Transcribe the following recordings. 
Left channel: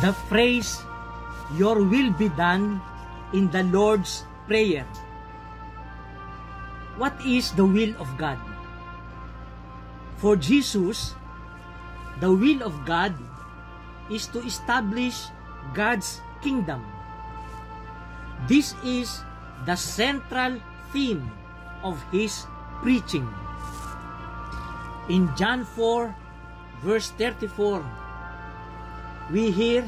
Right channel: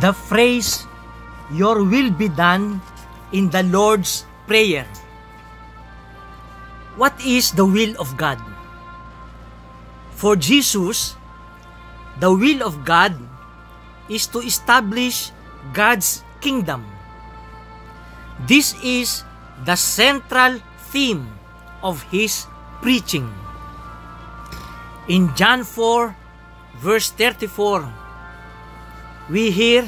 The phrase, "Your will be done," in the Lord's Prayer. What is the will of God? For Jesus, the will of God is to establish God's kingdom. This is the central theme of his preaching. In John 4, verse 34, we hear,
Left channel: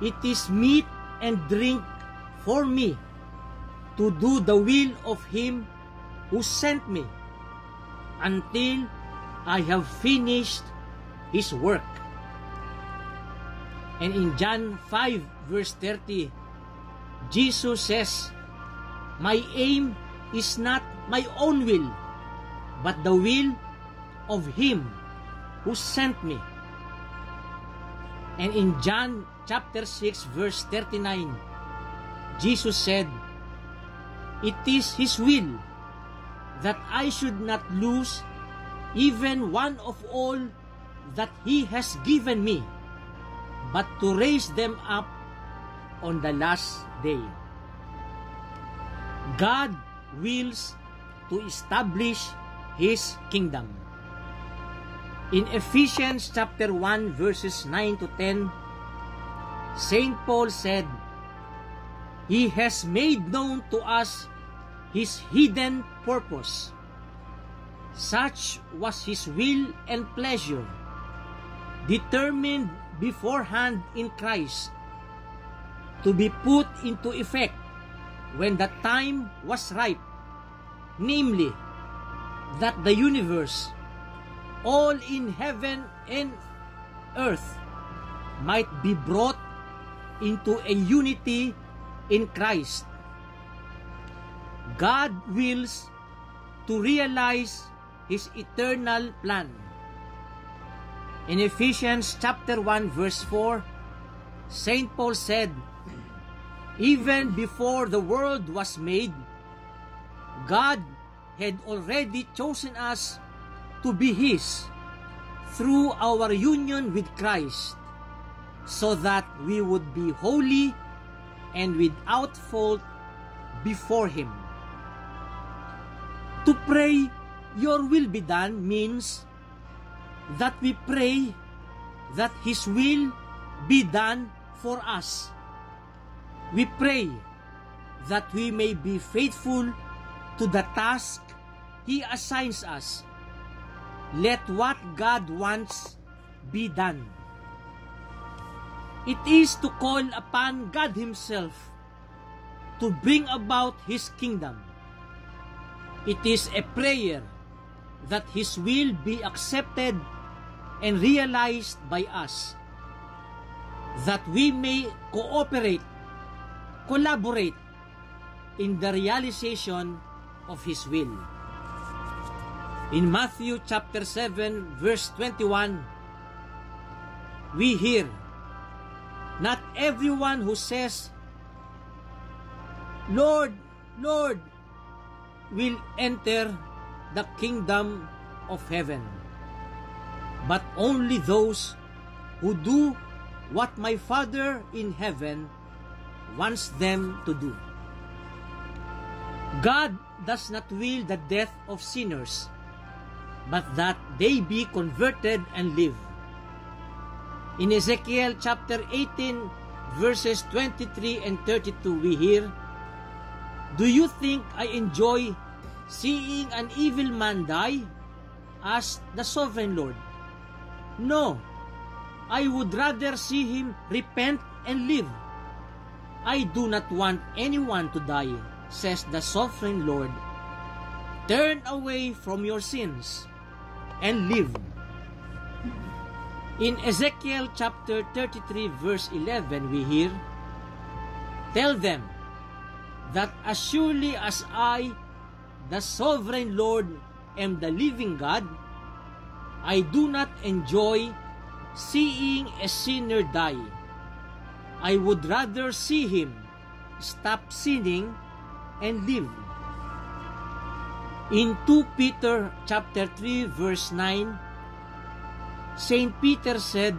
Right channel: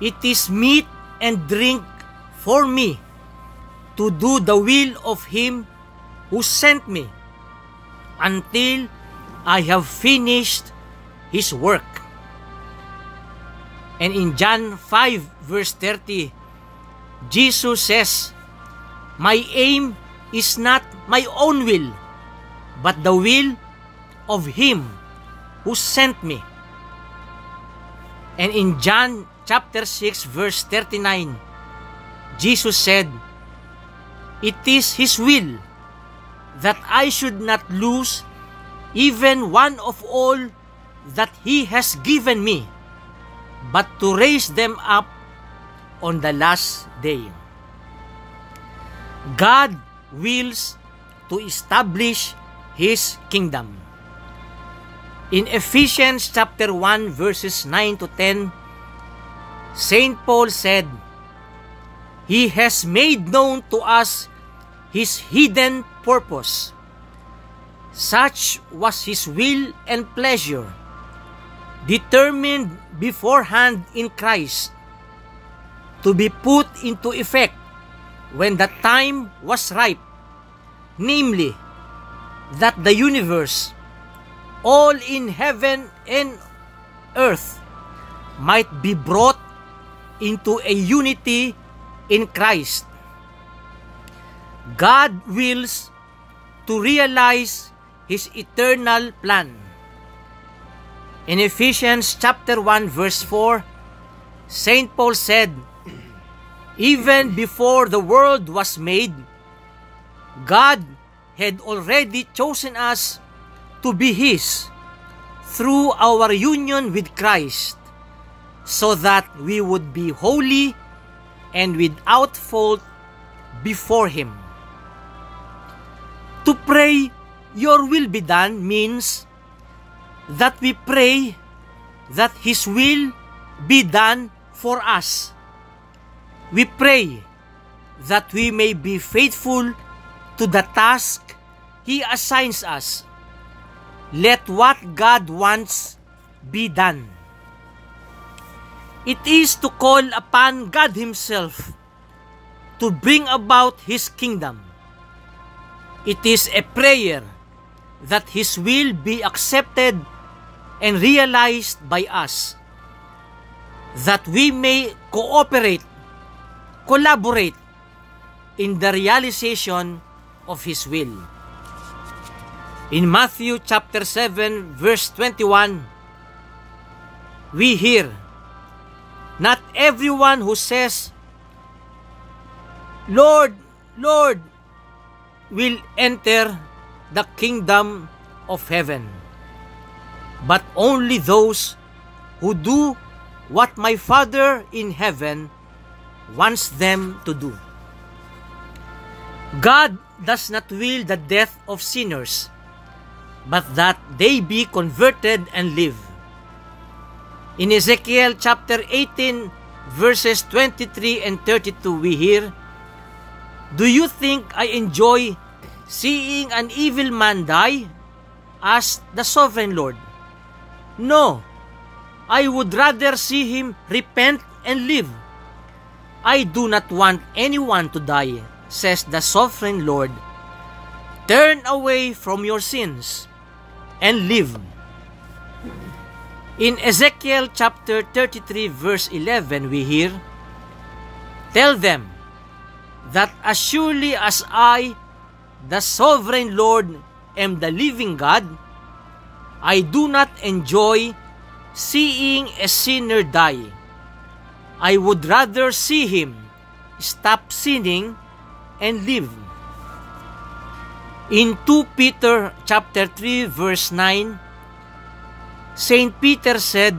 "It is meat and drink for me to do the will of him who sent me until I have finished his work." And in John 5, verse 30, Jesus says, "My aim is not my own will, but the will of him who sent me." And in John chapter 6, verse 39, Jesus said, "It is his will that I should not lose even one of all that he has given me, but to raise them up on the last day." God wills to establish his kingdom. In Ephesians chapter 1, verses 9 to 10, Saint Paul said, "He has made known to us his hidden purpose. Such was his will and pleasure, determined beforehand in Christ, to be put into effect when the time was ripe, namely, that the universe, all in heaven and earth, might be brought into a unity in Christ." God wills to realize his eternal plan. In Ephesians chapter 1, verse 4, Saint Paul said, "Even before the world was made, God had already chosen us to be his through our union with Christ, so that we would be holy and without fault before him." To pray, "Your will be done," means that we pray that his will be done for us. We pray that we may be faithful to the task he assigns us. Let what God wants be done. It is to call upon God himself to bring about his kingdom. It is a prayer that his will be accepted and realized by us, that we may collaborate in the realization of his will. In Matthew chapter 7, verse 21, we hear, "Not everyone who says, 'Lord, Lord,' will enter the kingdom of heaven, but only those who do what my Father in heaven wants them to do." God does not will the death of sinners, but that they be converted and live. In Ezekiel chapter 18, verses 23 and 32, we hear, "Do you think I enjoy seeing an evil man die? Asked the sovereign Lord. No, I would rather see him repent and live. I do not want anyone to die, says the sovereign Lord. Turn away from your sins and live." In Ezekiel chapter 33, verse 11, we hear, "Tell them that as surely as I, the sovereign Lord, am the living God, I do not enjoy seeing a sinner die. I would rather see him stop sinning and live." In 2 Peter chapter 3, verse 9, Saint Peter said,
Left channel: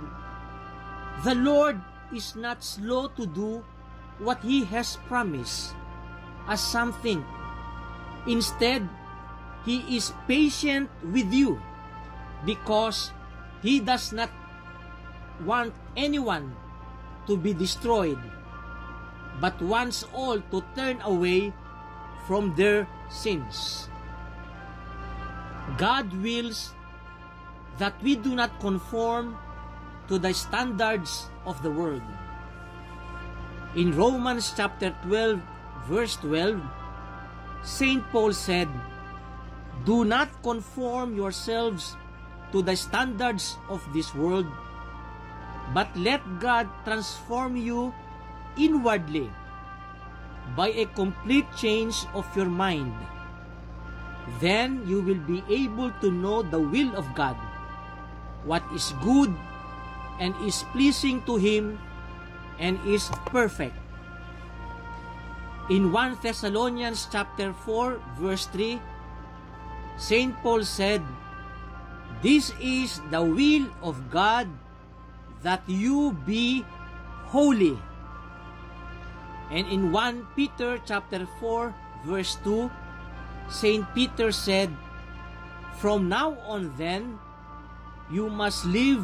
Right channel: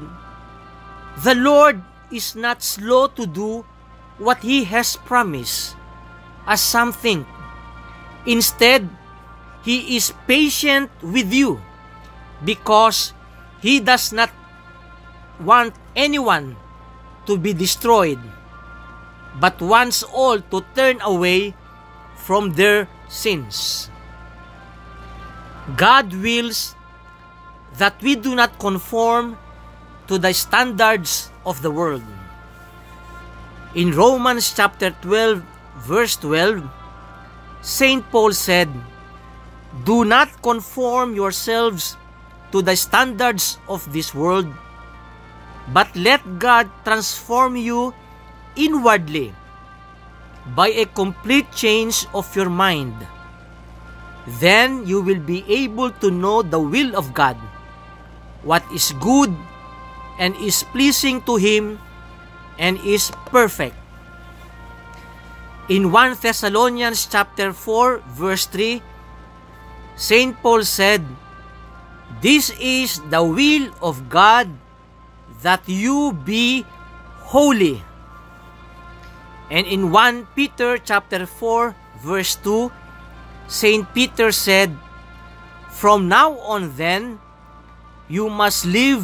"The Lord is not slow to do what He has promised, as some think. Instead, He is patient with you because He does not want anyone to be destroyed, but wants all to turn away from their sins. God wills that we do not conform to the standards of the world. In Romans chapter 12, verse 12, St. Paul said, "Do not conform yourselves to the standards of this world, but let God transform you inwardly by a complete change of your mind. Then you will be able to know the will of God, what is good and is pleasing to Him and is perfect." In 1 Thessalonians chapter 4, verse 3, St. Paul said, "This is the will of God, that you be holy." And in 1 Peter chapter 4, verse 2, St. Peter said, "From now on then, you must live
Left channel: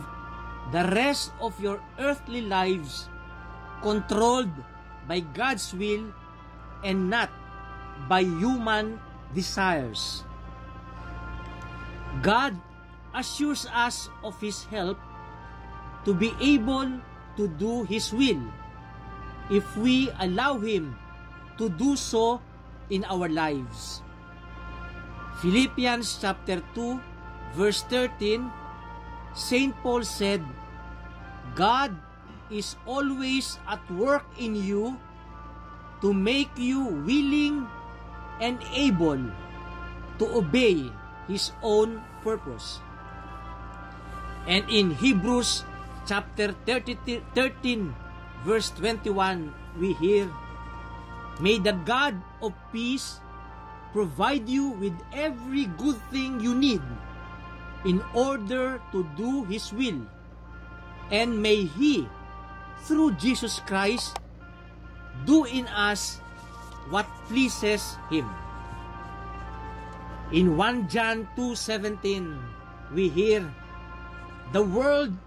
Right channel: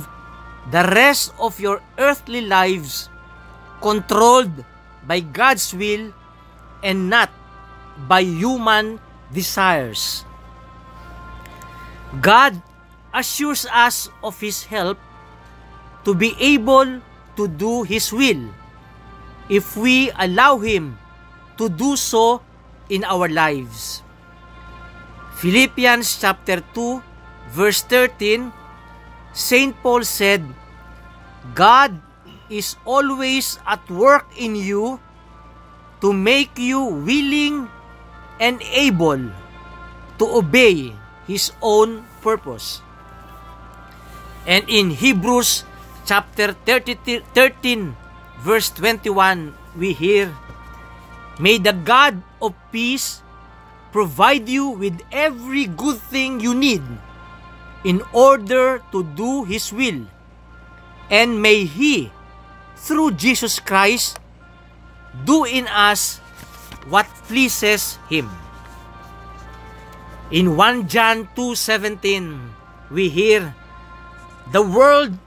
the rest of your earthly lives controlled by God's will and not by human desires." God assures us of His help to be able to do His will if we allow Him to do so in our lives. Philippians chapter 2, verse 13, St. Paul said, "God is always at work in you to make you willing and able to obey His own purpose." And in Hebrews chapter 13, verse 21, we hear, "May the God of peace provide you with every good thing you need in order to do His will, and may He, through Jesus Christ, do in us what pleases Him." In 1 John 2:17, we hear, "The world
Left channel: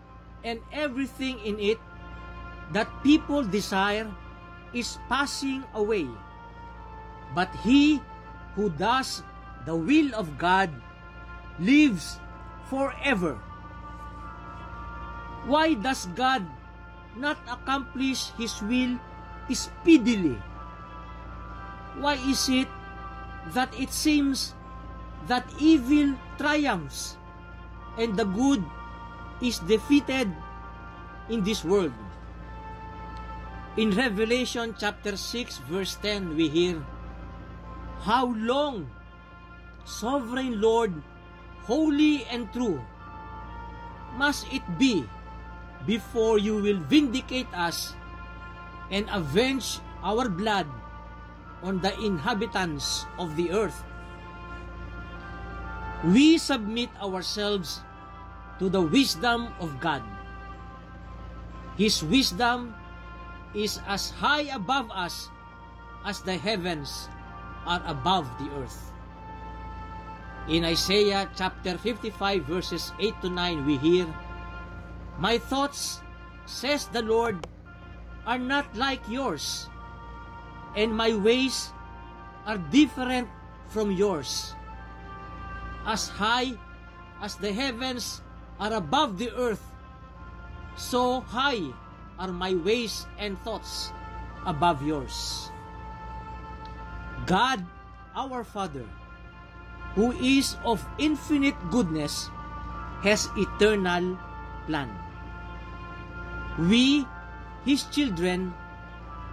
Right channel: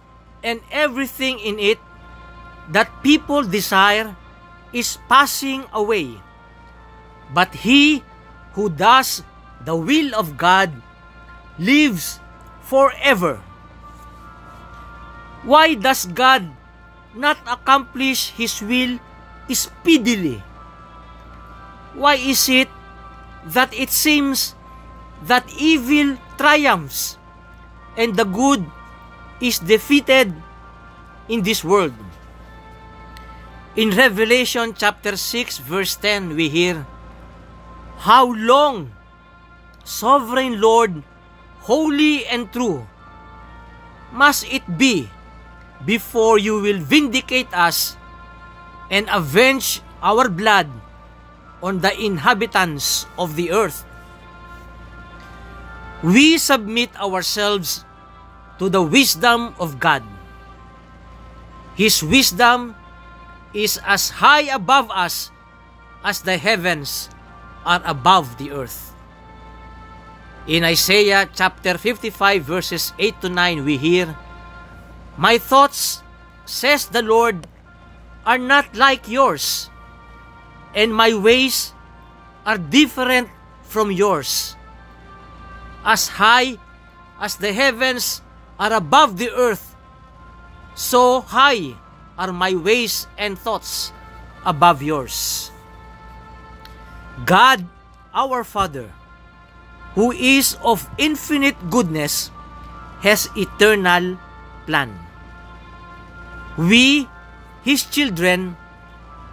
and everything in it that people desire is passing away, but he who does the will of God lives forever." Why does God not accomplish His will speedily? Why is it that it seems that evil triumphs and the good is defeated in this world? In Revelation chapter 6, verse 10, we hear, "How long, Sovereign Lord, holy and true, must it be before you will vindicate us and avenge our blood on the inhabitants of the earth?" We submit ourselves to the wisdom of God. His wisdom is as high above us as the heavens are above the earth. In Isaiah chapter 55, verses 8 to 9, we hear, "My thoughts, says the Lord, are not like yours, and my ways are different from yours. As high as the heavens are above the earth, so high are my ways and thoughts above yours." God, our Father, who is of infinite goodness, has eternal plan. We, His children,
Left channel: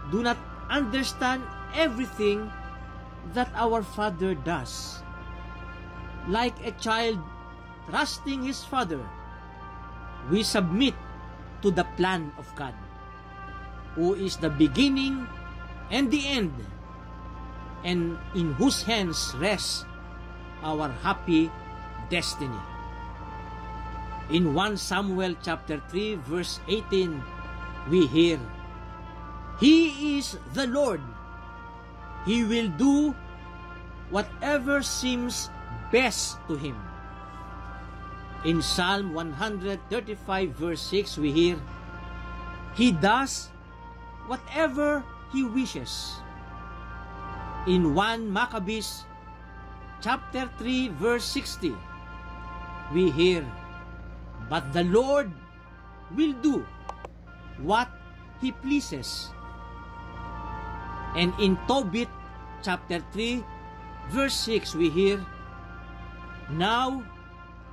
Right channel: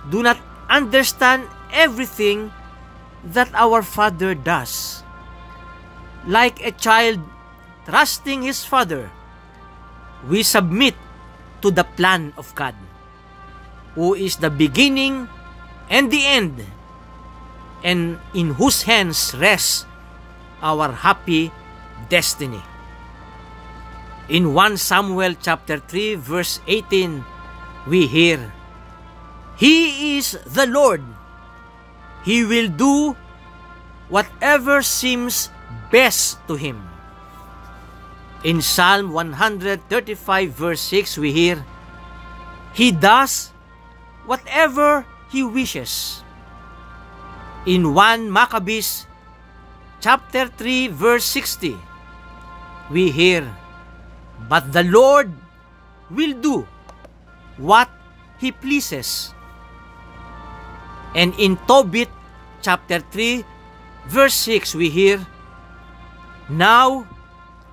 do not understand everything that our Father does. Like a child trusting his father, we submit to the plan of God, who is the beginning and the end, and in whose hands rests our happy destiny. In 1 Samuel chapter 3, verse 18, we hear, He is the Lord. He will do whatever seems best to Him. In Psalm 135 verse 6, we hear, He does whatever He wishes. In 1 Maccabees chapter 3 verse 60, we hear, but the Lord will do what He pleases. And in Tobit chapter 3 verse 6, we hear, now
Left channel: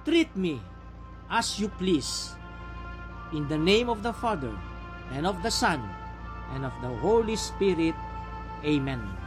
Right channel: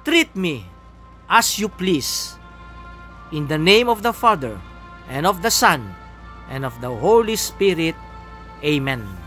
treat me as you please. In the name of the Father, and of the Son, and of the Holy Spirit. Amen.